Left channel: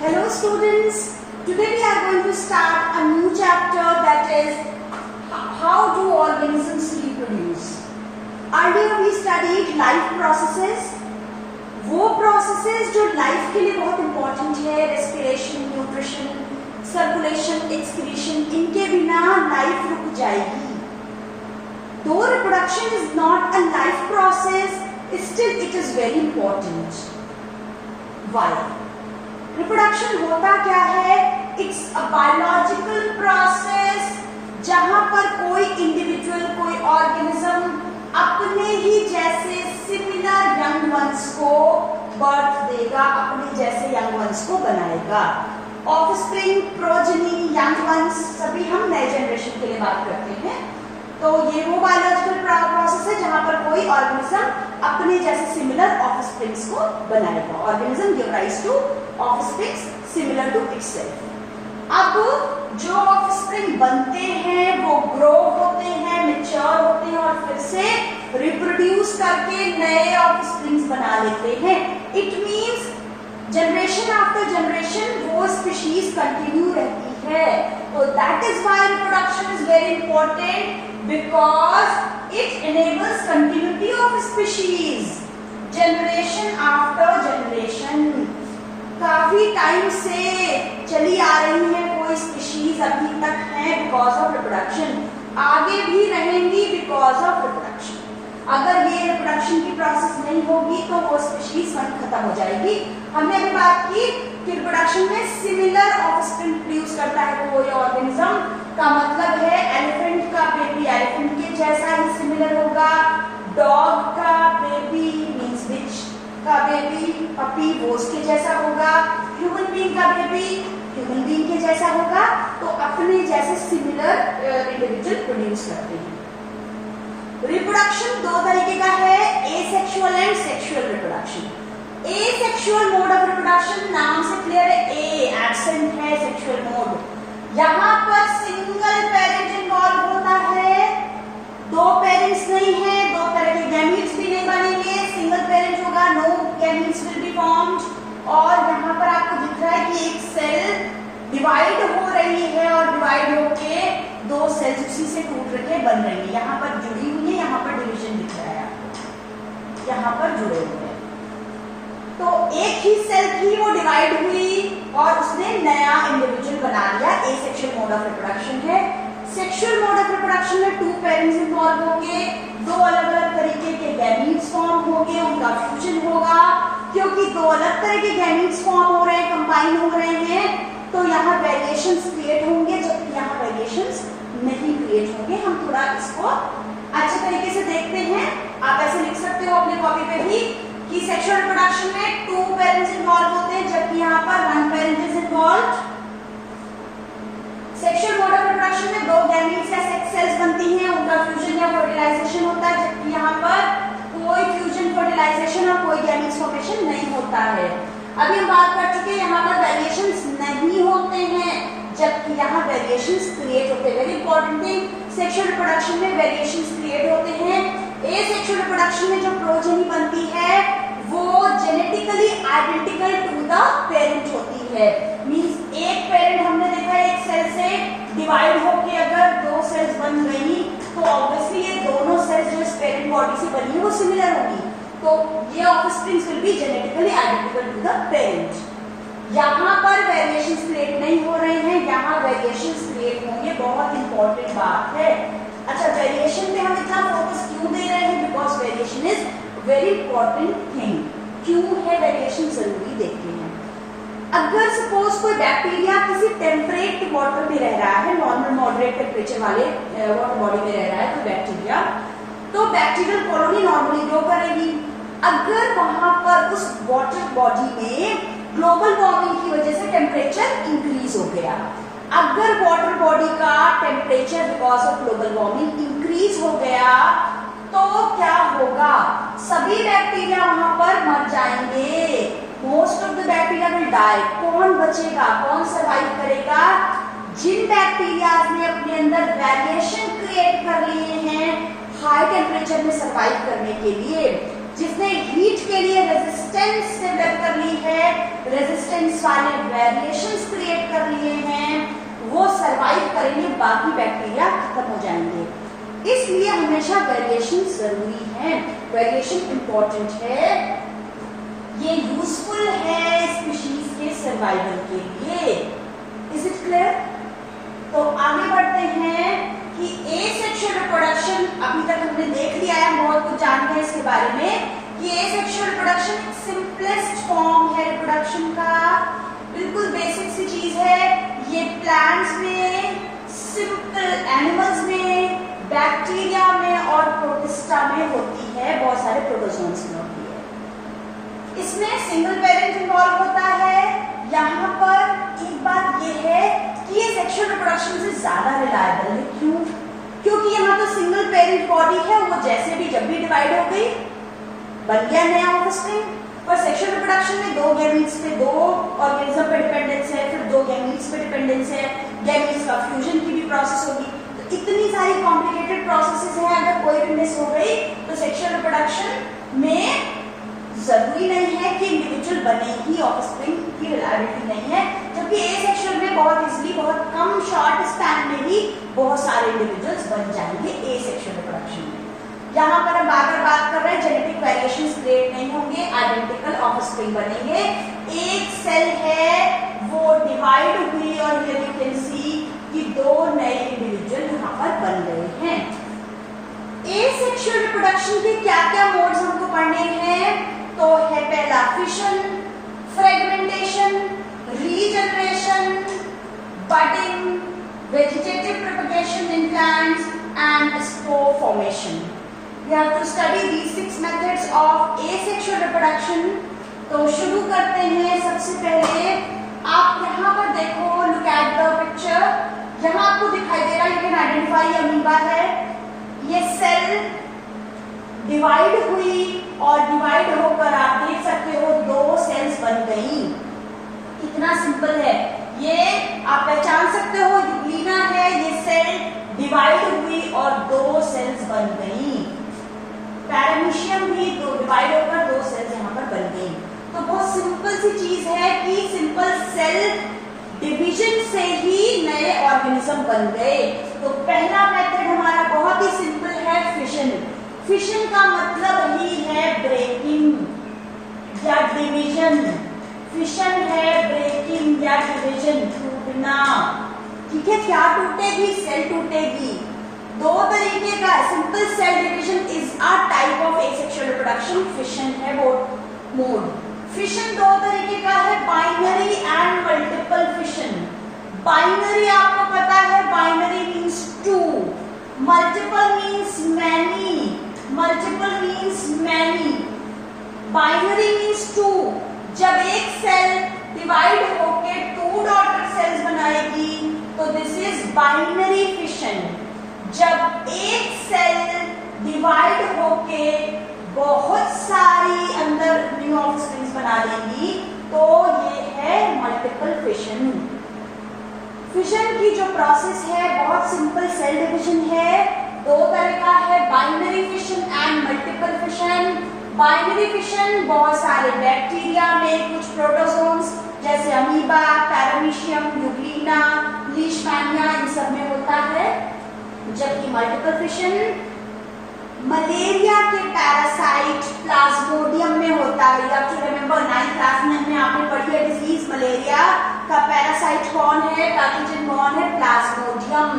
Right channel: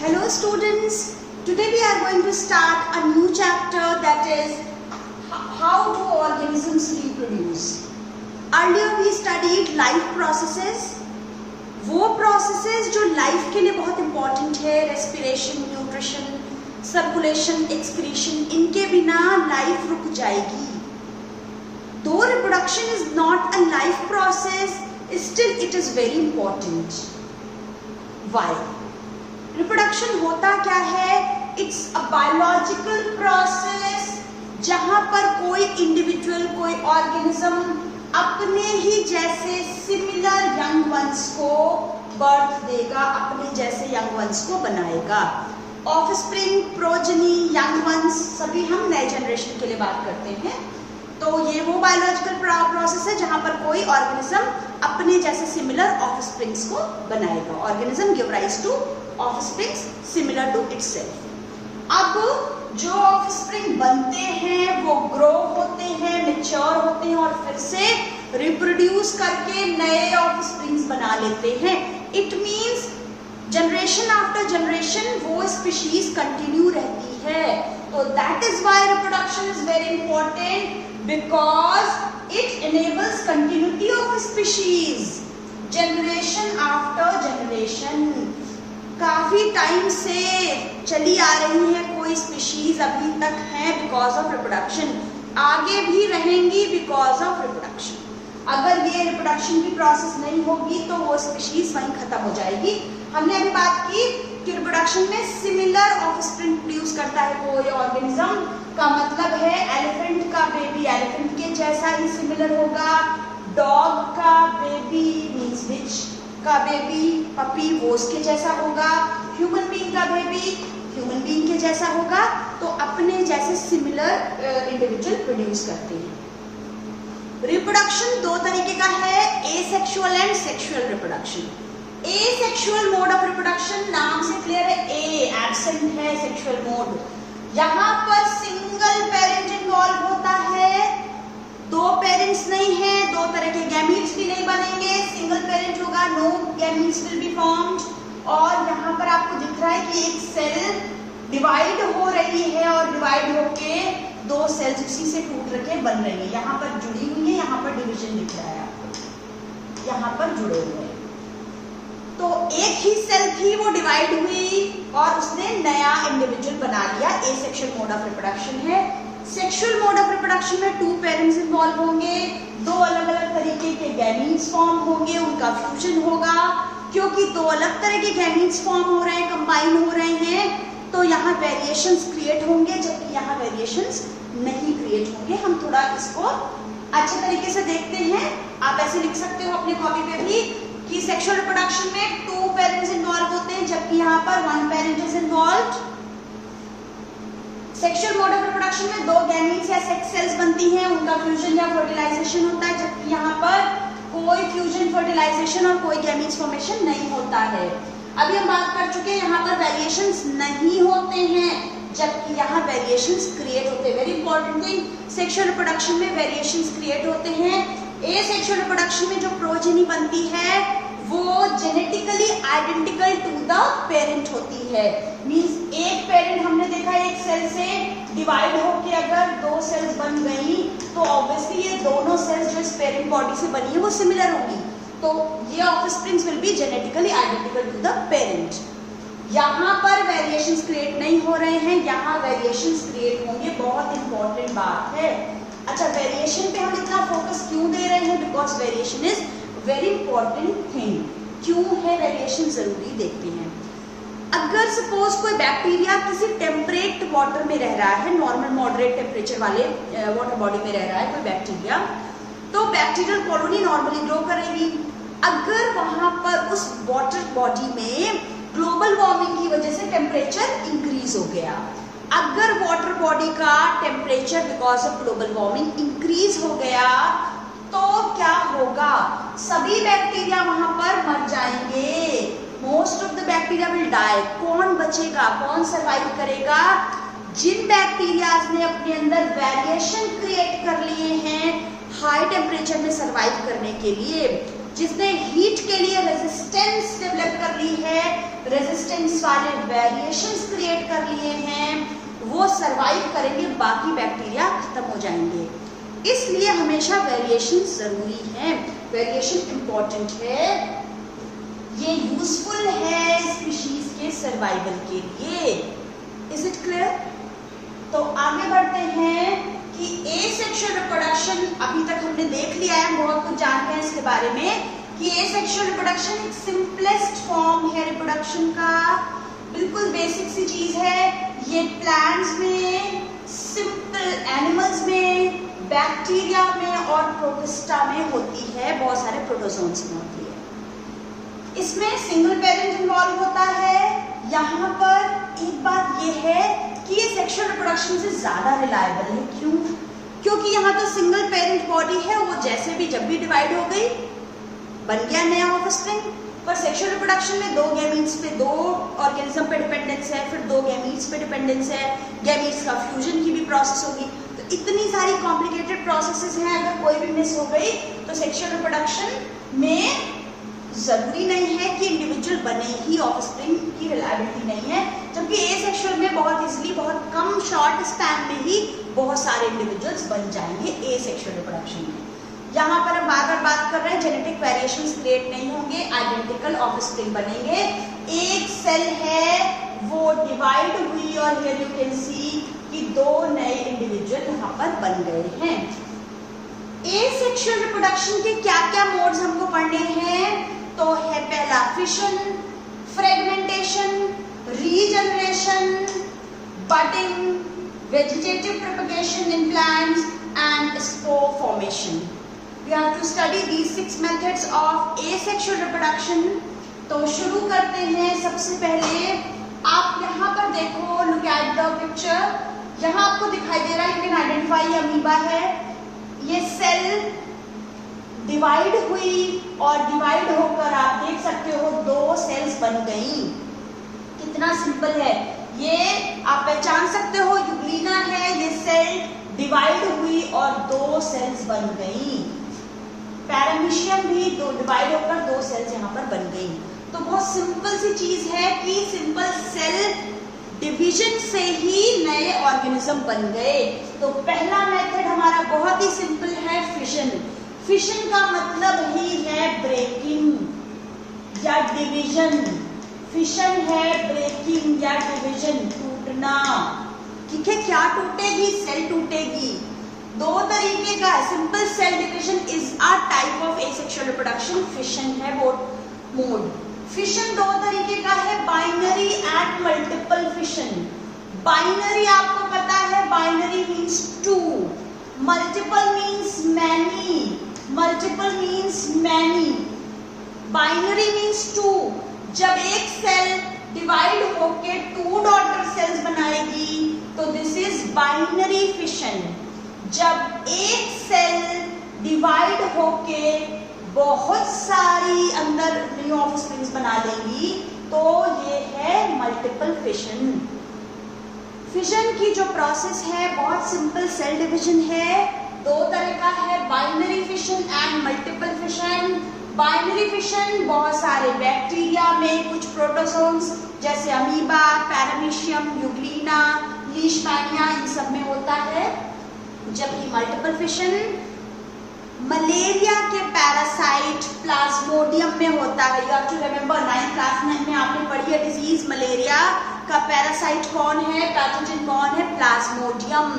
Hello students, today we are going to start a new chapter that is how do organisms reproduce. Earlier we studied life processes, वो processes जो life के लिए बहुत important है, respiration, nutrition, circulation, excretion, इनके बिना life रुक जाएगी. Though reproduction is not a life process, still it is very important. Why? Reproduction होता क्या है? इट्स अ बायोलॉजिकल प्रोसेस जहां पर कोई इंडिविजुअल, कोई ऑर्गेनिज्म अपने ही जैसे सिमिलर यंग वंस को बर्थ देगा, अपने जैसे यंग वंस को बनाएगा. ऑफस्प्रिंग, प्रोजेनी, यंग वंस, सभी हम नए जनरेशन के लिए बात करते हैं. तो ये वो बायोलॉजिकल प्रोसेस है जहां पर कोई ऑर्गेनिज्म अपने जैसे सिमिलर ऑफस्प्रिंग्स को बनाएगा. Organism give rise to offsprings similar to itself. अब जो ऑफस्प्रिंग बनते हैं वो ग्रो होते हैं, मैच्योर होते हैं और फिर से रिप्रोड्यूस करके नए ऑफस्प्रिंग्स बना लेते हैं. It means generation after generation वो स्पीशीज कंटिन्यू रहती है. तो that is why reproduction is very important because it enables continuity of species, generation after generation. काफी टाइम से चली आ रही है कोई स्पीशीज अभी तक है बिकॉज ऑफ रिप्रोडक्शन, आगे भी रहेंगी बिकॉज ऑफ रिप्रोडक्शन. अगर ये रिप्रोडक्शन की प्रोसेस नहीं होगी तो वो स्पीशीज वहीं खत्म हो जाएगी. हमने अभी बात की कि रिप्रोडक्शन में सिमिलर ऑफस्प्रिंग प्रोड्यूस करता है कोई ऑर्गेनिज्म. का मतलब है एलिफेंट का बेबी एलिफेंट के जैसा ही सिमिलर होगा, डॉग का बेबी मींस विच का बेबी पपी वो उसके जैसा होगा, ह्यूमन बीइंग का बेबी ह्यूमन बीइंग के जैसा होगा. तो अपने जैसे सिमिलर इंडिविजुअल प्रोड्यूस करते हैं. रिप्रोडक्शन दो तरीके का है, asexual and sexual reproduction. Asexual mode of reproduction नाम से क्लियर है, ए एब्सेंट है सेक्सुअल मोड. यहाँ पर सिंगल पेरेंट इन्वॉल्व होता है, दो पेरेंट्स नहीं है, दो तरह के गैमीट्स भी नहीं बनेंगे. सिंगल पेरेंट होगा, no gametes will be formed. और यहाँ पर आपको दिख रहा है कि एक सेल डिवाइड हो रही है और डिवाइड होके दो सेल्स उसी से टूट के बन रही है. यहाँ पर जुड़ी हुई है, यहाँ पर डिवीजन दिख रहा है आपको, यहाँ पर जुड़े हुए हैं. तो एक ही सेल थी वो डिवाइड हुई और उसने नया इंडिविजुअल बना लिया. एसेक्सुअल मोड ऑफ रिप्रोडक्शन है. सेक्सुअल मोड ऑफ रिप्रोडक्शन में टू पेरेंट्स इन्वॉल्व होंगे, दो अलग अलग तरीके के गैमीट्स फॉर्म होंगे, उनका फ्यूजन होगा. क्योंकि दो अलग तरह के गैमीट्स फॉर्म हो रहे हैं, कंबाइन हो रहे हैं, तो यहाँ वेरिएशंस क्रिएट होंगे जबकि यहाँ वेरिएशंस नहीं क्रिएट होंगे. हम थोड़ा इसको अच्छे तरीके से देखते हैं. आप ऐसे लिख सकते हो अपनी कॉपी पे भी कि सेक्सुअल रिप्रोडक्शन में टू पेरेंट्स इन्वॉल्व होते हैं जबकि यहाँ पर one parent is involved. Sexual mode of reproduction में दो गैमीट्स या सेक्स सेल्स बनती हैं, उनका फ्यूजन या फर्टिलाइजेशन होता है जबकि यहाँ पर कोई फ्यूजन, फर्टिलाइजेशन और कोई गैमीट्स फॉर्मेशन नहीं होता है. अभी हम बात कर चुके हैं यहाँ पर वेरिएशंस नहीं होते हैं जबकि यहाँ वेरिएशंस क्रिएट होते हैं. Very important thing, sexual reproduction में वेरिएशंस क्रिएट होते हैं. एसेक्सुअल रिप्रोडक्शन में जो प्रोजेनी बनती है वो genetically identical to the parent होती है. मींस एक पेरेंट हमने देखा है, एक सेल से डिवाइड होके अगर दो सेल्स बन गई तो ऑब्वियसली ये दोनों सेल्स जो इस पेरेंट बॉडी से बनी है वो सिमिलर होंगी. तो ये offsprings will be genetically identical to the parent. यहाँ पर वेरिएशंस क्रिएट नहीं हो रहे हैं, यहाँ वेरिएशंस क्रिएट होंगे. बहुत इंपॉर्टेंट बात है. अच्छा, वेरिएशन पे हम इतना फोकस क्यों दे रहे हैं? Because variation is very important thing. क्यों है वेरिएशन जरूरी, देखते हैं. अगर सपोज कोई बैक्टीरिया किसी टेम्परेट वाटर में रह रहा है, नॉर्मल मॉडरेट टेम्परेचर वाले वाटर बॉडी में रह रहा है कोई बैक्टीरिया, तो बैक्टीरियल कॉलोनी नॉर्मली ग्रो करेगी. अगर वहां पर उस वाटर बॉडी में ग्लोबल वार्मिंग की वजह से टेम्परेचर इंक्रीज हो गया, अगर वाटर बॉडी का temperature because of global warming increase हो गया तो क्या होगा? सभी बैक्टीरिया वहां पर मर जाएंगे. Most of the bacteria will die. कौन बचेगा, कौन सर्वाइव करेगा? जिन बैक्टीरियाज ने अपने अंदर वेरिएशन क्रिएट कर लिए हैं हाई टेम्परेचर में सर्वाइव करने के लिए, जिसने हीट के लिए रेजिस्टेंस डेवलप कर ली है, रेजिस्टेंस वाले वेरिएशंस क्रिएट कर लिए हैं, वो सरवाइव करेंगे, बाकी बैक्टीरिया खत्म हो जाएंगे। इसलिए हमेशा वेरिएशन जरूरी है, वेरिएशन इंपॉर्टेंट है, ये यूजफुल है स्पीशीज के सर्वाइवल के लिए। Is it clear? तो आगे बढ़ते हैं कि एसेक्सुअल रिप्रोडक्शन अभी तक हमने देख लिया है, हम बहुत कुछ जानते हैं इसके बारे में कि एसेक्सुअल रिप्रोडक्शन एक सिंपलेस्ट फॉर्म है रिप्रोडक्शन का, बिल्कुल बेसिक सी चीज है। ये प्लांट्स में, सिंपल एनिमल्स में, बैक्टीरिया में और प्रोटिस्टा में होती है, बहुत सारे प्रोटोजोन्स में होती है। इसमें सिंगल पेरेंट इन्वॉल्व होता है। यहाँ पर एक बात ये है कि ये सेक्सुअल रिप्रोडक्शन से ज्यादा रिलायबल है। क्यों? क्योंकि यहाँ तो सिंगल पेरेंट बॉडी है, वो जैसे भी जब भी डिवाइड हो गई बन गया नया ऑफस्प्रिंग। पर सेक्सुअल रिप्रोडक्शन में दो गैमीट्स पे, दो ऑर्गेनिज्म पे डिपेंडेंस है, फिर दो गैमीट्स पे डिपेंडेंस है, गैमीट्स का फ्यूजन की भी प्रोसेस होगी, तो इतनी सारी कॉम्प्लिकेटेड प्रोसेसेस हैं। अगर कोई भी मिस हो गई तो सेक्सुअल रिप्रोडक्शन में जरूरी नहीं है कि इंडिविजुअल बने ही, ऑफस्प्रिंग की रिलायबिलिटी नहीं है। जबकि एसेक्सुअल में बहुत इजीली, बहुत कम शॉर्ट स्पैन में ही बहुत सारे इंडिविजुअल्स बन जाएंगे एसेक्सुअल रिप्रोडक्शन में। यहाँ पर हम बार बार बात कर रहे हैं जेनेटिक वेरिएशंस क्रिएट नहीं होंगे, आइडेंटिकल ऑफस्प्रिंग बनेंगे। एक सेल है वो डिवाइड हुई और हियर यू कैन सी कि दो नए इंडिविजुअल यहाँ पर बन गए हैं। एसेक्सुअल रिप्रोडक्शन के क्या क्या मोड्स हमको पढ़ने हैं? तो है पहला fission, fragmentation, regeneration, budding, vegetative propagation in plants and spore formation. We have to study these 6 methods of asexual reproduction। तो शुरू करते हैं। सबसे पहले आप यहाँ पर देखो, look at the picture। यहाँ आपको दिखाई दे रहा है, you can identify ये अमीबा है। ये सेल डिवाइड हुई और डिवाइड होकर आप देख सकते हो दो सेल्स बन गई। कितना सिंपल है ये, आप पहचान सकते हो। यूग्लिना है, ये सेल डिवाइड हुई और दो सेल्स बन गई। पैरामीशियम भी दो डिवाइड होकर दो सेल्स यहाँ पर बन गई। तो बहुत सिंपल सी चीज है कि सिंपल सेल डिवीजन से ही नए ऑर्गेनिज्म बन गए। तो पहला मेथड हमारा बहुत ही सिंपल है, फिशन। फिशन का मतलब ही है ब्रेकिंग या डिवीजन। फिशन है ब्रेकिंग या डिवीजन, टूटना। ठीक है, क्या टूटेगी? सेल टूटेगी। दो तरीके का simple cell division is a type of asexual reproduction. Fission है वो मोड। फिशन दो तरीके का है, binary and multiple fission. Binary आपको पता है, binary means two, multiple means many, multiple means many, binary means two. जब एक सेल डिवाइड होके टू डॉटर सेल्स बनाएगी तो दिस इज बाइनरी फिशन। जब एक सेल डिवाइड होके बहुत सारी अंदर न्यू ऑफस्प्रिंग्स बना देंगी तो ये है मल्टीपल फिशन। फिशन की जो प्रोसेस है बहुत सिंपल सेल डिवीजन है। दो तरह का है, binary fission and multiple fission. Binary fission बहुत सारे बैक्टीरिया में, कुछ प्रोटोजोन्स जैसे अमीबा, पैरामीशियम, यूग्लिना, लीशमैनिया, इन सब में होता है। जबकि मल्टीपल फिशन मलेरिया के पैरासाइट प्लाज्मोडियम में होता है। You have to remember 9th class में आपने पढ़ी है डिजीज मलेरिया का पैरासाइट कौन है, पैथोजन कौन है? प्लाज्मोडियम।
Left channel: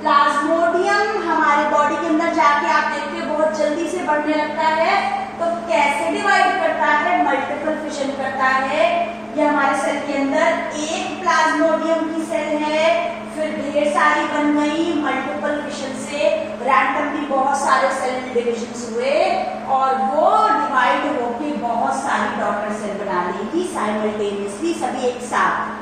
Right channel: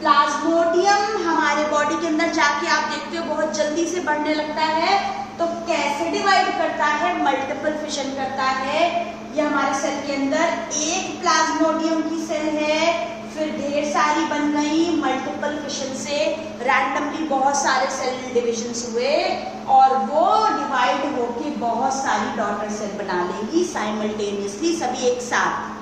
प्लाज्मोडियम हमारे बॉडी के अंदर जाके आप देखते हो बहुत जल्दी से बढ़ने लगता है। तो कैसे डिवाइड करता है? मल्टीपल फिशन करता है। ये हमारे सेल के अंदर एक प्लाज्मोडियम की सेल है, फिर ढेर सारी बन गई। मल्टीपल फिशन से रैंडमली बहुत सारे सेल डिविजन्स हुए और वो डिवाइड होके बहुत सारी डॉटर सेल बना लेगी साइमल्टेनियसली, सभी एक साथ।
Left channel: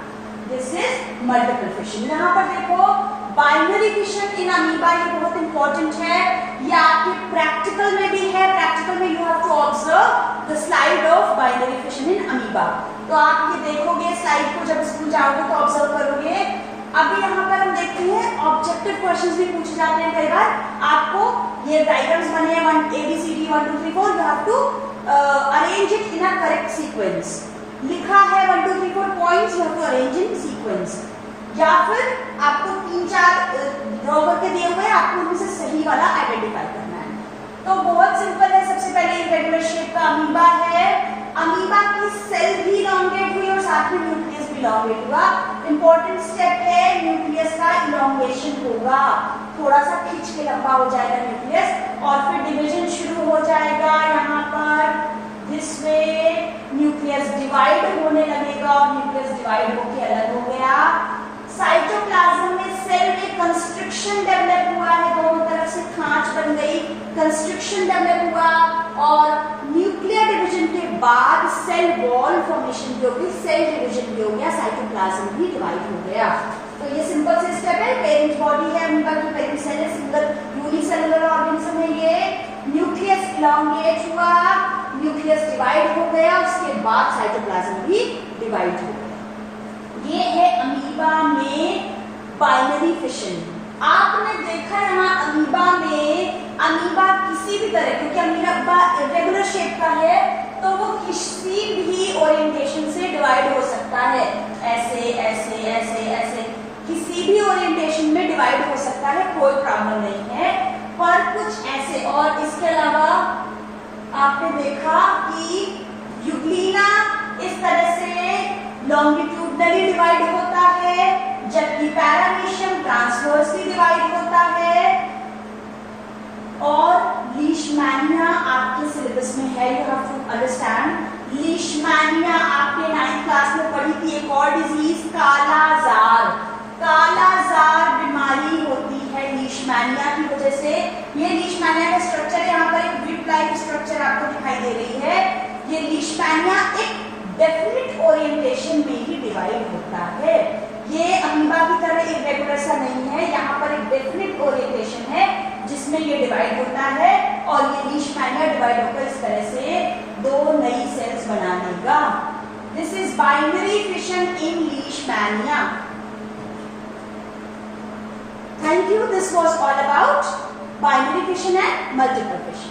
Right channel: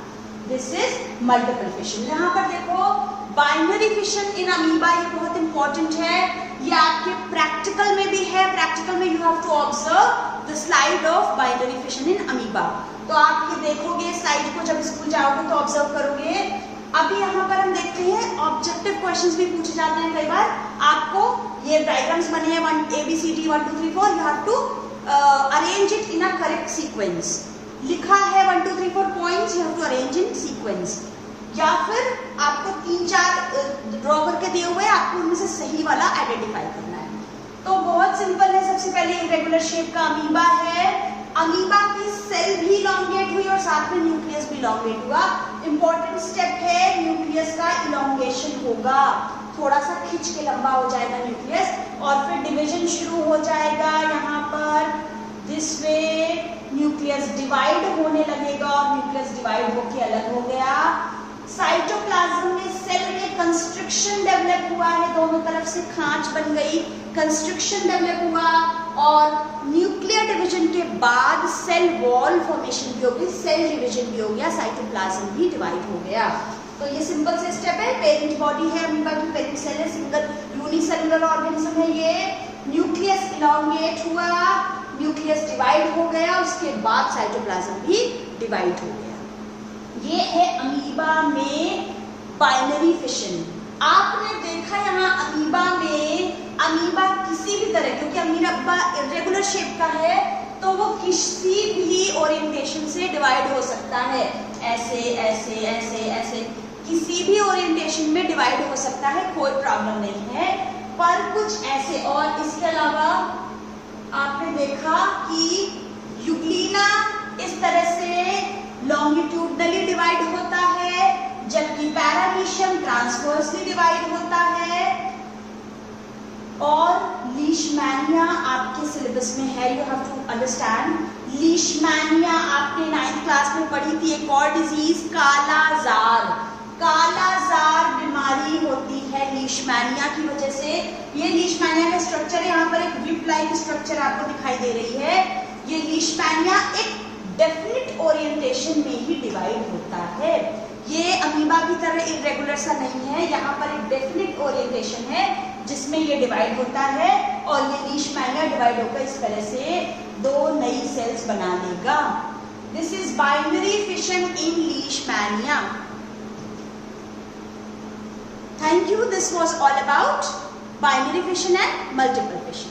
This is multiple fission. यहाँ पर देखो बाइनरी फिशन इन अमीबा, ये बहुत इंपॉर्टेंट है। ये आपके प्रैक्टिकल में भी है। प्रैक्टिकल में you have to observe the slide of binary fission in amoeba. तो आप ये देखोगे स्लाइड को, जब स्कूल जाओगे तो ऑब्जर्व करोगे अभी यहाँ पर हम देखते हैं ऑब्जेक्टिव क्वेश्चंस भी पूछे जाते हैं कई बार। आपको ये डायग्राम्स बने हैं ABCD 1 2 3 4, you have to arrange it in a correct sequence. लिखा है 1 2 3 4 points, you have to arrange in sequence. या फिर आपको 3-4 ड्रॉ करके दिए हुए हैं, आपको उनमें से सही वाला आइडेंटिफाई करना है। तो बहुत सिंपल है। सबसे पहले इरेगुलर शेप का अमीबा है। अमीबा की सेल भी इलॉन्गेट हुई और साथ में न्यूक्लियस भी इलॉन्गेट हुआ। इंपॉर्टेंट स्टेप है, न्यूक्लियस का इलॉन्गेशन होगा, थोड़ा सा खिंच के लंबा हो जाएगा न्यूक्लियस और फिर डिवीजन शुरू हो जाएगा। यहाँ पर दिस वे न्यूक्लियस डिवाइड होने लगेगा और न्यूक्लियस डिवाइड होके अलग हो गया। साइटोप्लाज्म में सेल में कंस्ट्रक्शन डेवलप हुआ है, दोनों तरफ से खांच बन गई, कंस्ट्रक्शन डेवलप हुआ और न्यूक्लियर डिवीजन के बाद सेल वॉल फॉर्मेशन भी होगी, सेल डिवीजन भी हो गया, साइटोप्लाज्म भी डिवाइड हो गया। तो ये सिंपल से स्टेप है। पेरेंट बॉडी है अमीबा की, पेरेंट सेल है, सिंगल यूनिसेलुलर ऑर्गेनिज्म है ये। न्यूक्लियस इलॉन्गेट हुआ, न्यूक्लियस डिवाइड हो गया, उसके बाद साइटोप्लाज्म भी डिवाइड हो गया। ये है अमीबा में बाइनरी फिशन। आपने देखा यहाँ अमीबा में, अमीबा किसी भी तरह, क्योंकि अमीबा इरेगुलर शेप का है तो वो किसी भी ओरिएंटेशन से डिवाइड हो सकता है, ऐसे ऐसे ऐसे ऐसे, किसी भी ओरिएंटेशन में डिवाइड हो सकता है, कोई प्रॉब्लम नहीं है। पर कुछ ऐसे, और इसके अलावा आपने देखा कि यूग्लिना इस तरह से लॉन्गिट्यूडनली डिवाइड होता है, जबकि पैरामीशियम ट्रांसवर्सली डिवाइड होता है। और लीशमैनिया आपके सिलेबस में है, you have to understand. Leishmania आपने 9th क्लास में पढ़ी थी, एक और डिजीज कालाजार। कालाजार बीमारी होती है लीशमैनिया की वजह से। ये लीशमैनिया का स्ट्रक्चर, यहाँ पर एक व्हिप लाइक स्ट्रक्चर आपको दिखाई दे रही है। ये लीशमैनिया एक डेफिनेट ओरिएंटेशन में ही डिवाइड होता है। ये अमीबा की तरह इरेगुलर सा नहीं है, यहाँ पर एक डेफिनेट ओरिएंटेशन है जिसमें ये डिवाइड होता है और ये लीशमैनिया डिवाइड होकर इस तरह से 2 नई सेल्स बना देगा। This is binary fission in Leishmania. Thank you. This was all about binary fission and multiple fission.